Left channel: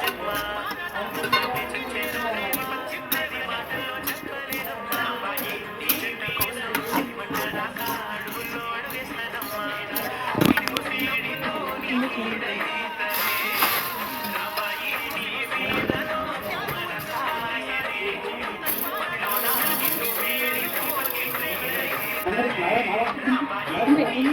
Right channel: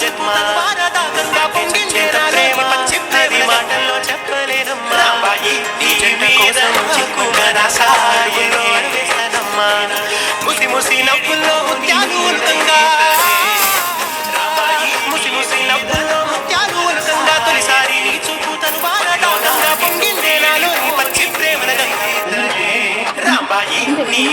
జన్మ గంగా పొంగించేత ప్రేమ చిన్నది మాటల్లో చెప్పలేనమ్మా రాంబాయి నీ జంట కోసం చిక్కున రాసాయని వేస్తానమ్మా ముసి ముసి నవ్వుల్లో ముత్యాలు ఉల్కంగా ముసి ముసి నవ్వుల్లో ముత్యాలు ఉల్కంగా తొలిసారి నీ చూపు తను బారడాకంగా పొంగిందే నాలో నీ పచ్చి ప్రేమల గంగా రాంబాయి నీ